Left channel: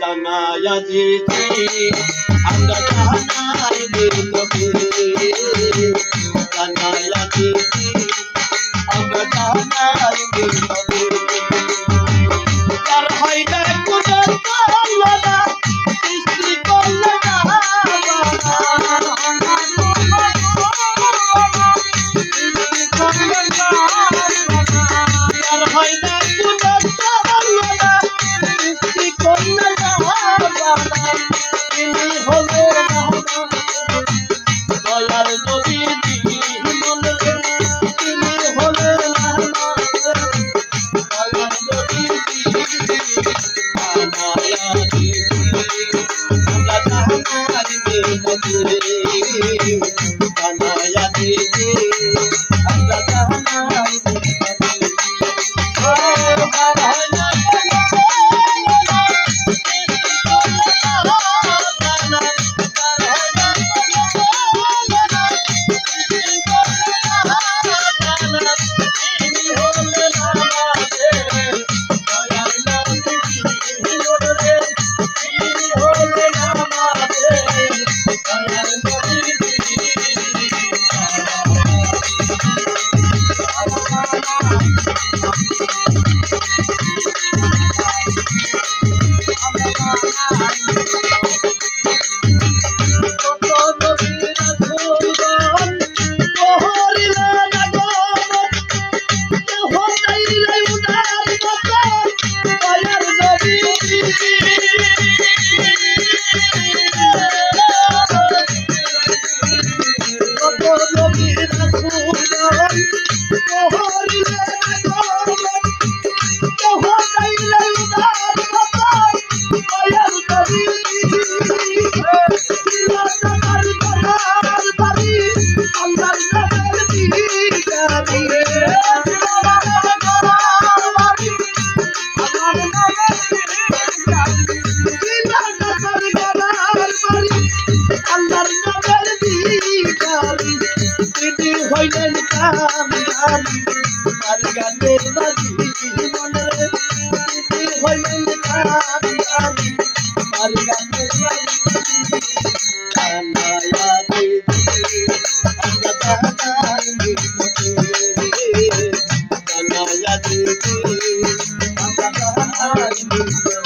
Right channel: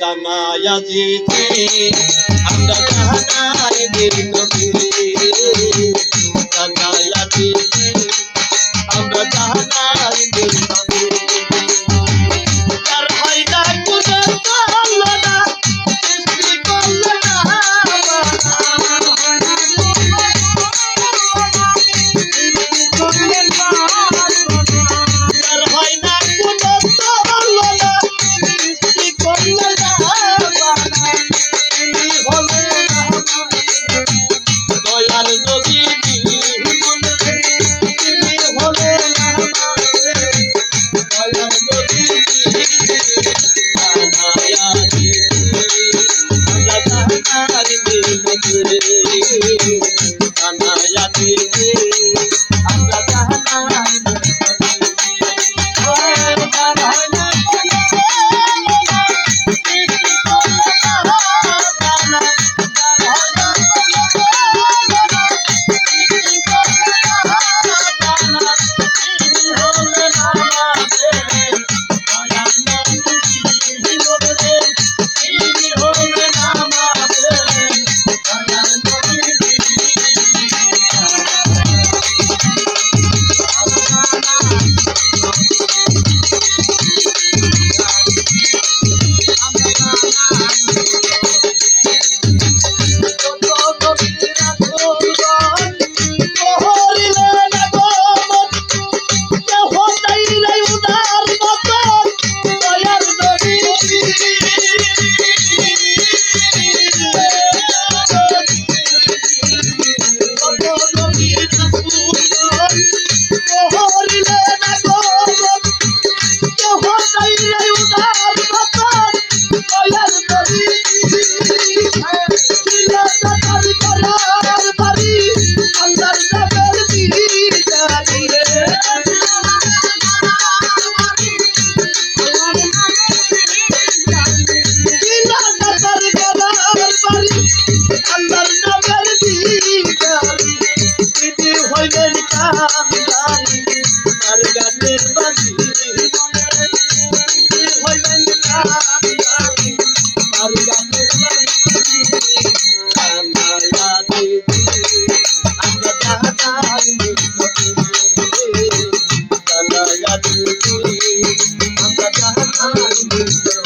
জানায়া দিতে আমরা জানাই দিই নবী, জানায়া দিতে আমরা জানাই দিই নবী। তার হয় না কোনো করল না, সৃষ্টি করল না তার হয় না কোনো করল না, সৃষ্টি করল না তিনি হলেন দয়ার নবী মনে, তিনি হলেন দয়ার নবী। জানায়া দিতে আমরা জানাই দিই নবী, জানায়া দিতে আমরা জানাই দিই হইলেন কামদারি আর গানের বাজি মনে, তিনি হইলেন কামদারি আর গানের বাজি। জানায়া দিতে আমরা জানাই দিই নবী, জানায়া দিতে আমরা জানাই দিই নবী।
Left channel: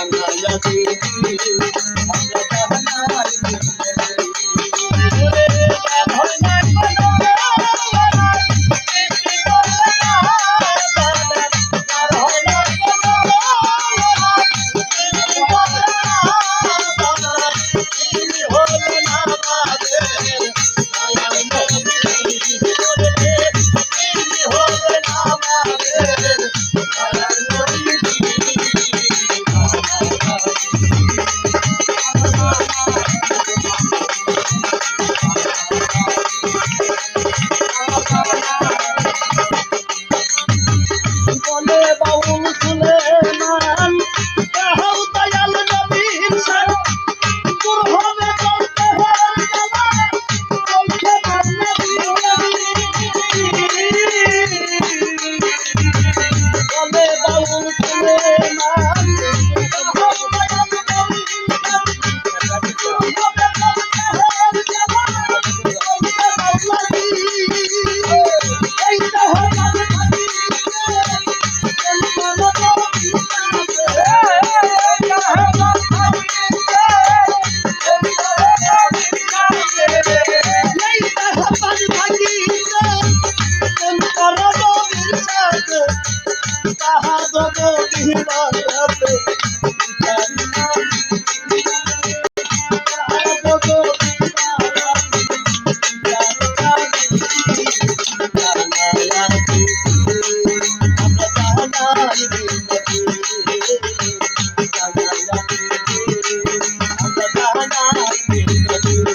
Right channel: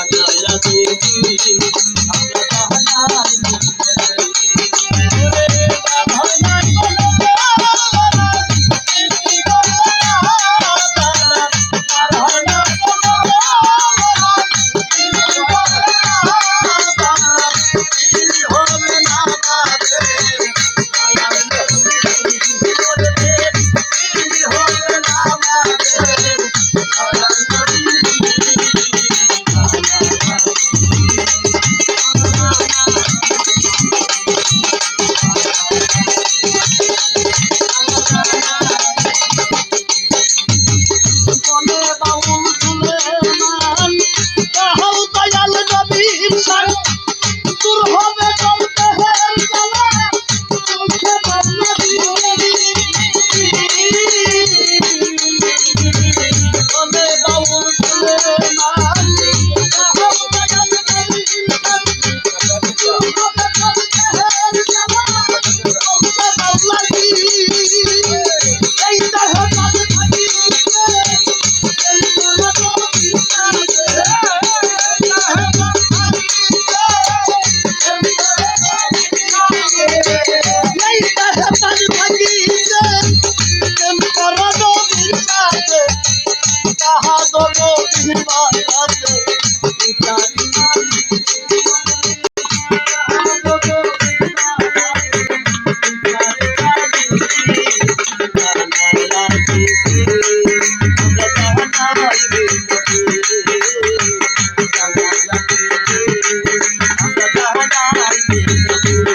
জানায়া দিতে